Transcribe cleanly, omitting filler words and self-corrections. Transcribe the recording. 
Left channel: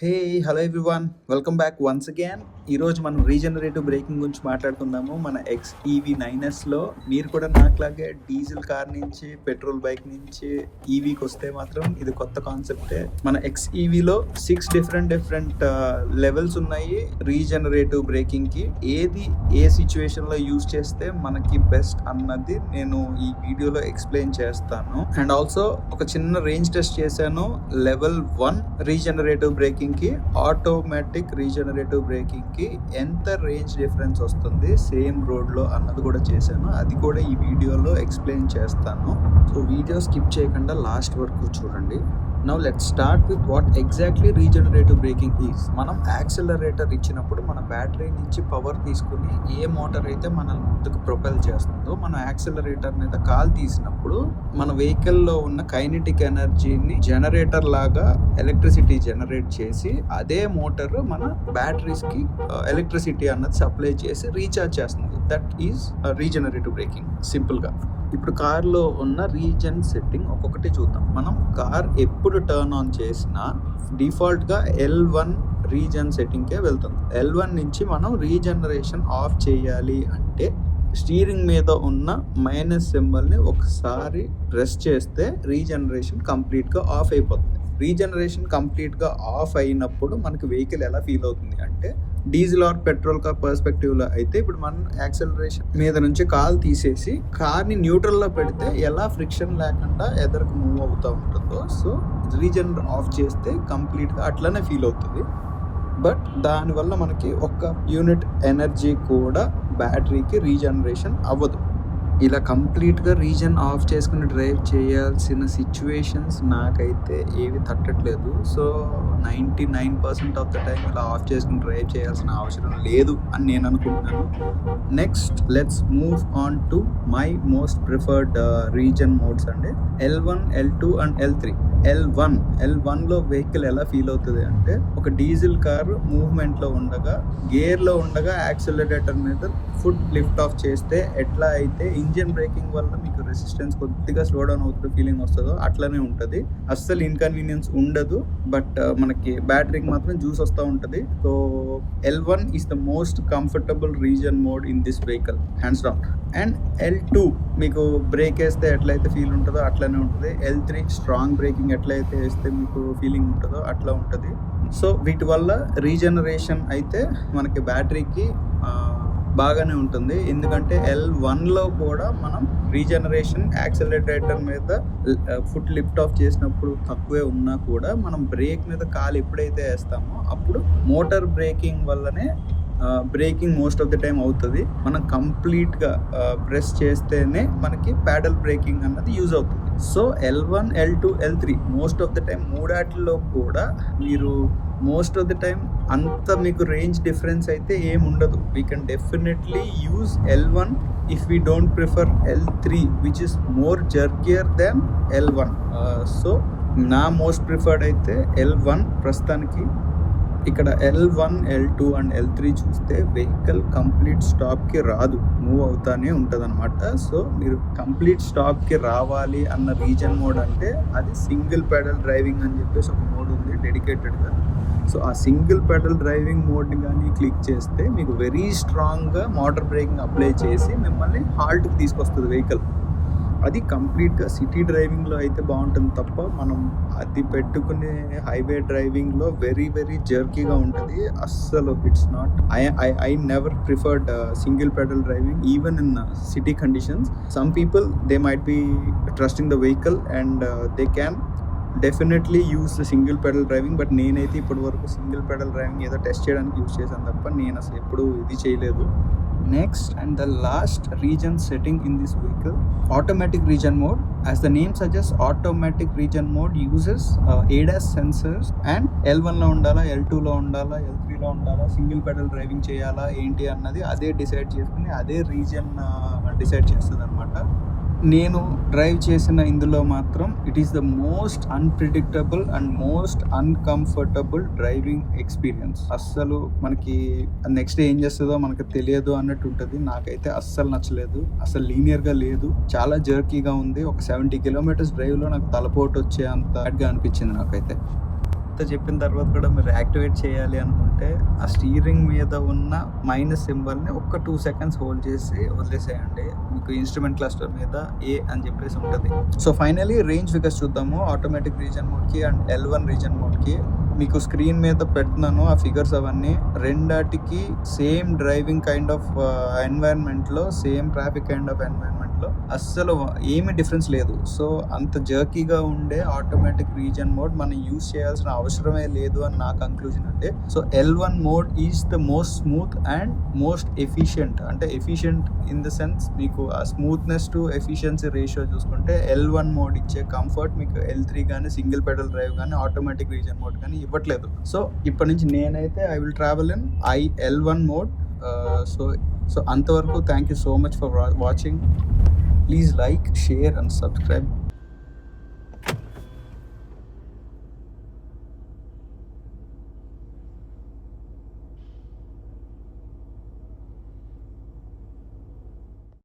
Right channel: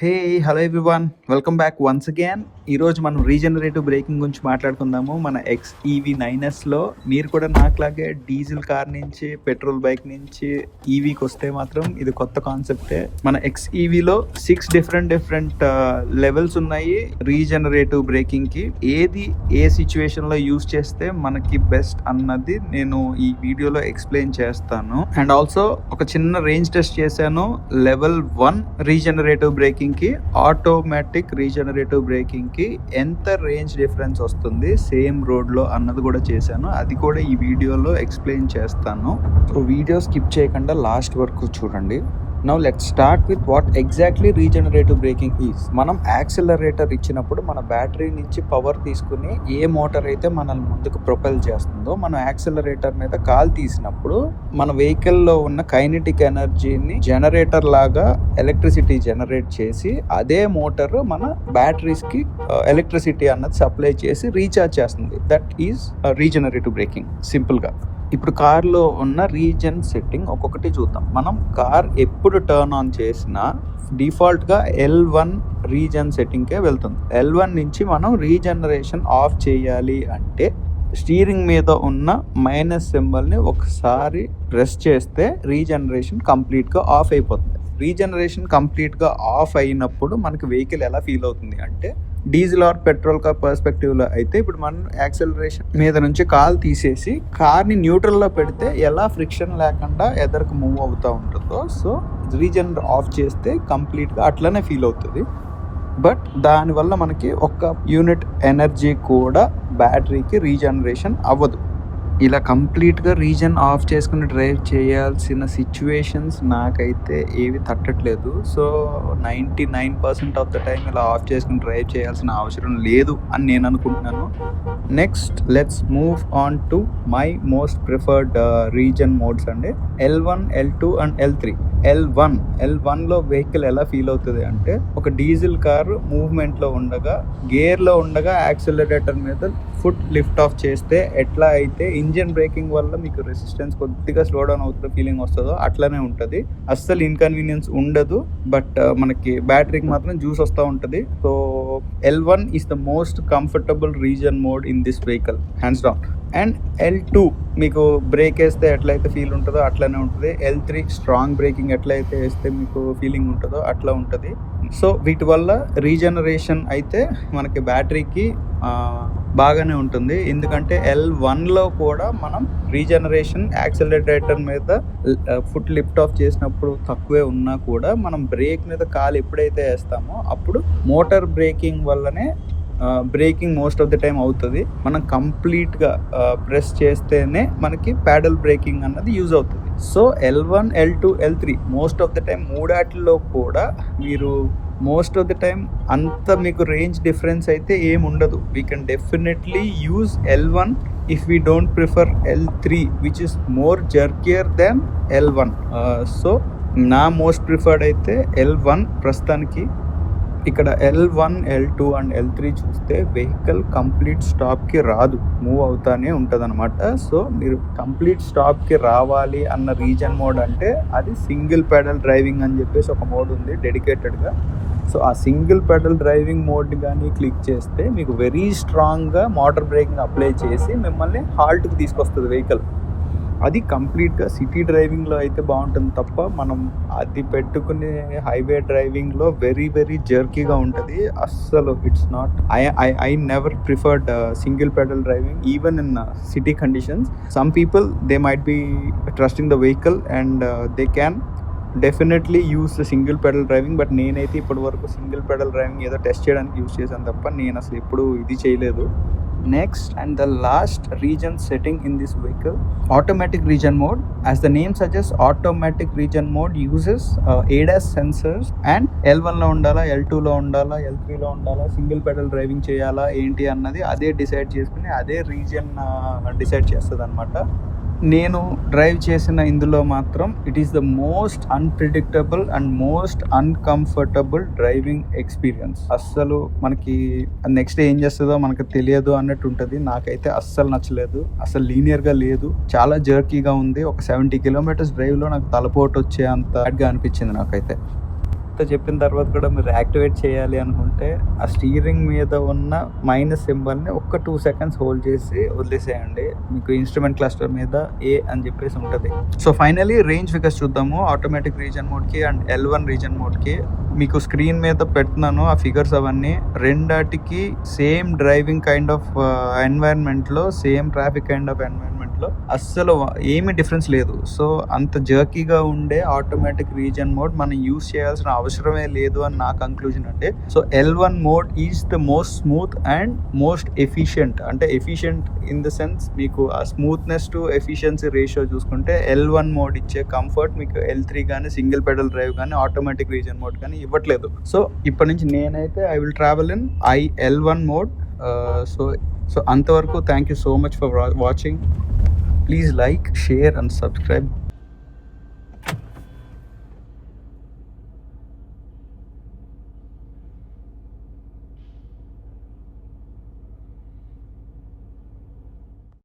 హే! Hello everyone. Welcome back once again. ఈరోజు మనం regenerative braking గురించి మాట్లాడుకుందాము. మన XEV 9Sలో మీరు కూడా నాకులాగే డీజిల్ కార్ నుంచి, పెట్రోల్ బైక్ నుంచి ఈవీకొస్తే మాత్రం ఇది కొత్త కాన్సెప్టే. మన XEVలో 6 డిఫరెంట్ లెవెల్స్ ఉన్నాయి రీజనరేటివ్ బ్రేకింగ్‌కి. ఏది ఏ సిట్యుయేషన్‌లో యూజ్ చేస్తే మనకి బెస్ట్ అన్నది నేను ఈ వీడియోలో ఎక్స్‌ప్లెయిన్ చేస్తాను. అండ్ ఆల్సో ఒక చిన్న రేంజ్ టెస్ట్ చేశాను. లెవెల్ 1 రీజనరేటివ్ బ్రేకింగ్‌కి, ఆటోమేటిక్ రీజనరేటివ్ బ్రేకింగ్‌కి ఎంత రేంజ్ డిఫరెన్స్ వస్తుంది సేమ్ రోడ్‌లో అన్నది కూడా చేశాను. అది కూడా ఈ వీడియోలో ఎక్స్‌ప్లెయిన్ చేస్తాను. సో వీడియో స్కిప్ చేయకుండా లాస్ట్ వరకు చూడండి. Now let's start with what exactly regenerative braking is. మనం యాక్సిలరేటర్ ఇచ్చినప్పుడు మన బ్యాటరీ నుంచి పవర్ తీసుకుని ఏ మోటార్ అయితే మనల్ని ముందుకు ప్రొపెల్ చేస్తుందో, మనం యాక్సిలరేటర్ మీద కాల్ తీసినప్పుడు మన వెహికల్లో ఉన్న కైనెటిక్ ఎనర్జీని జనరేటర్ లాగా ఎలక్ట్రిసిటీ జనరేట్ చేసి అదే మోటార్ మన బ్యాటరీస్కి ఎలక్ట్రిసిటీ అన్నది సప్లై చేసి రీఛార్జ్ చేస్తుంది. దట్ ఈజ్ రీజనరేటివ్ బ్రేకింగ్ సింపుల్గా. ఇప్పుడు కార్లో ఉన్న రీజన్ సెట్టింగ్ ఒక్కొక్కటి చూద్దాం. మనం కార్ ఎప్పుడు టర్న్ ఆన్ చేసినా డిఫాల్ట్గా L1 రీజన్ సెట్టింగ్కే వెళ్తుంది. L1 నుంచి మనం రీజనరేషన్ ఆఫ్ చేయాలి అంటే స్టీరింగ్ మీద ఉన్న మైనస్ సింబల్ని ఒకసారి ప్రెస్ చేస్తే రీజనరేషన్ కంప్లీట్గా ఆఫ్ అయిపోతుంది. రీజనరేషన్ కంప్లీట్గా ఆఫ్ అయినప్పుడు మనకి వెహికల్ ఎలా ఫీల్ అవుతుంది అంటే, డీజిల్ ఆర్ పెట్రోల్ కార్ పర్స్పెక్టివ్లో అయితే ఇప్పుడు మనం యాక్సిలరేషన్ మీద నుంచి కాల్ తీసేసి కార్ని న్యూట్రల్లో పెడితే ఎలా ఫ్రిక్షన్ లేకుండా ఎదరికి మూవ్ అవుతూ ఉంటుందో, సో రీజనరేటర్ ఆఫ్ చేస్తే కంప్లీట్గా అట్లనే ఫీల్ అవుతుంది. బట్ దానివల్ల మనకి ఒక్క యూనిట్ ఎనర్జీ కూడా బ్యాటరీకి రీజనరేషన్ అవ్వదు. ఇలా కంప్లీట్గా రీజన్ ఆఫ్ చేసుకుని డ్రైవ్ చేయాల్సిన సిచ్యువేషన్స్ నాకైతే ఏవి తట్టట్లేదు. సో 99% ఆఫ్ ద టైం ఇలా ఆఫ్ చేసుకుని డ్రైవ్ చేయాల్సిన అవసరం లేదు అని నేను అనుకుంటున్నాను. Next let's move on to my most preferred regen modes అండి. L1, L2 and L3. L1లో వెహికల్ ఎలా ఫీల్ అవుతుంది అంటే, ఒక డీజిల్ కారు మూవ్మెంట్లో ఉండగా, గేర్లో ఉండగా యాక్సిలరేటర్ మీద ఫుట్ లిఫ్ట్ ఆఫ్ చేస్తే ఎట్లా అయితే ఇంజిన్ బ్రేకింగ్ వల్ల మీకు రెసిస్టెన్స్ కొద్దిగా స్లో డౌన్ అవుతున్న ఫీలింగ్ వస్తుందో అట్లనే ఉంటుంది. అస్సలు ఇన్కన్వీనియన్స్ ఉండదు. బట్ మనకి బ్యాటరీకి మాత్రం జ్యూస్ వస్తూ ఉంటుంది. So L1 is the most comfortable reason mode in this vehicle hands down. And L2 మీకు బ్రేక్ వేస్తే ఎట్లయితే ఫీల్ ఉంటుందో అట్లనే ఉంటుంది. L3 స్ట్రాంగ్ బ్రేకింగ్ ఎట్లయితే వేస్తే మీకు ఫీలింగ్ ఉంటుందో అట్లా ఉంటుంది. సో వీటి వల్ల రీజనరేషన్ అయితే మనకి బ్యాటరీకి బాగానే ఉంటుంది. ఎందుకంటే L1లో కూడా మనం రీజనరేషన్ యాక్సిలరేటర్ మీద ఫుట్ లిఫ్ట్ ఆఫ్ చేసినప్పుడు తక్కువే ఉన్నా కూడా మనం బ్రేక్ మీద కాలు ఎప్పుడైతే వేస్తామో అప్పుడు మోటార్ బ్రేకింగ్ వల్లనే braking most of the time అవుతుంది. మనం కంప్లీట్గా ప్రెస్ చేస్తేనే మనకి ప్యాడల్ బ్రేకింగ్ అన్నది యూజ్ అవుతుంది. So L1, L2, L3 most of the time మూడాటిలో కూడా మీరు మోస్ట్ ఆఫ్ ద టైం అంత మీకు రేంజ్ డిఫరెన్స్ అయితే ఏమి ఉండదు. We can definitely use L1 if we don't prefer L3 which is more jerkier than L1. So నా most preferred అయితే L1 ప్రస్తుతానికి. ఇక్కడ L1, L2 అండ్ L3 చూస్తే వెహికల్ కంప్లీట్ స్టాప్కి రాదు, మూవ్ అవుతానే ఉంటుంది అనమాట. సో మీరు కంప్లీట్ స్టాప్కి రావాలి అన్న రీజన్ మోడ్ అంటే అది సింగిల్ పెడల్ డ్రైవింగ్ అని చెప్పేసి ఒక మోడ్ ఉంది డెడికేటెడ్గా. సో ఆ సింగిల్ పెడల్ డ్రైవింగ్ మోడ్ కానీ క్లిక్ చేస్తే మీకు వెరీ స్ట్రాంగ్గా మోటార్ బ్రేకింగ్ అప్లై చేసి మిమ్మల్ని హాల్ట్కి తీసుకొస్తుంది వెహికల్. అది కంప్లీట్గా సిటీ డ్రైవింగ్లో అయితే బాగుంటుంది తప్ప మనం అది పెట్టుకునే హైవే డ్రైవింగ్లో వెరీ జర్కీగా ఉంటుంది. అస్సలు it's not I never preferred single pedal driving even in city conditions. Some people they might be trusting the vehicle and they can definitely use single pedal driving. But నేనైతే ఇప్పటి వరకు single pedal driving ఏదో test చేయడానికి use చేశాను తప్ప నేను అసలు ఎప్పుడు ఇది చేయలేదు. Next and the last regen setting in this vehicle, automatic regen mode. As the name suggest, automatic regen mode uses ADAS sensors. And L1లో ఉండాలా, L2లో ఉండాలా, L3లో ఉండాలా, సింగిల్ పెడల్ డ్రైవింగ్ చేయాలా ఏంటి అన్నది అదే డిసైడ్ చేసుకుని అదే రీజన్ డిసైడ్ చేస్తుంది అనమాట. నేను డ్రైవ్ చేసిన ఇందులో మాత్రం it is the most unpredictable and most uncomfortable driving experience. అస్సలు మనకి నెక్స్ట్ ఏం చేస్తుందో మనకు తెలియదు అన్నట్టు ఉంటుంది. నాకైతే అస్సలు నచ్చలేదు, అసలు లీనియర్గా లేదు, చాలా జర్కీగా ఉంది. ఒక 70 కిలోమీటర్స్ డ్రైవ్లో నాకు తలపోటు వచ్చే అంత గా అనిపించింది నాకైతే. ఇంత చెప్పిన తర్వాత కూడా మీరు యాక్టివేట్ చేయాలి అనుకుంటే ఆ స్టీరింగ్ మీద ఉన్న మైనస్ సింబల్ని ఒక్క 2 సెకండ్స్ హోల్డ్ చేసి వదిలేసేయండి. మీకు ఇన్స్ట్రుమెంట్ క్లస్టర్ మీద ఏ అని చెప్పేసి ఉంటుంది. సో ఫైనలీ రేంజ్ ఫిగర్స్ చూద్దాము. ఆటోమేటిక్ రీజన్ మోడ్కి అండ్ L1 రీజన్ మోడ్కి మీకు స్క్రీన్ మీద పెడుతున్నాను ఆ ఫిగర్స్ అవన్నీ. రెండాటికి సేమ్ డ్రైవింగ్ కైండ్ ఆఫ్ ఎన్వైరన్మెంట్లో, సేమ్ ట్రాఫిక్ కైండ్ ఆఫ్ ఎన్వైరన్మెంట్లో అస్సలు ఏమీ డిఫరెన్స్ లేదు. సో అంత జర్కీగా ఉండే ఆటోమేటిక్ రీజన్ మోడ్ మనం యూస్ చేయాల్సిన అవసరమే లేదు అని నా కంక్లూజన్ అండి. So L1 mode is the most smooth and most efficient. అంటే ఎఫిషియంట్ ఇన్ ద సెన్స్ మీకు ఆ స్మూత్నెస్ టు ఎఫిషియన్సీ రేషియో చూసుకుంటే L1 మోడ్ ఇచ్చే కంఫర్ట్ మీకు L3 కానీ సింగిల్ పెడల్ డ్రైవ్ కానీ ఆటోమేటిక్ రీజన్ మోడ్ కానీ ఇవ్వట్లేదు. సో ఇప్పటి నుంచి నేనైతే I will travel in L1 mode. So అంతవరకు thank you so much for watching. Please like, share and subscribe.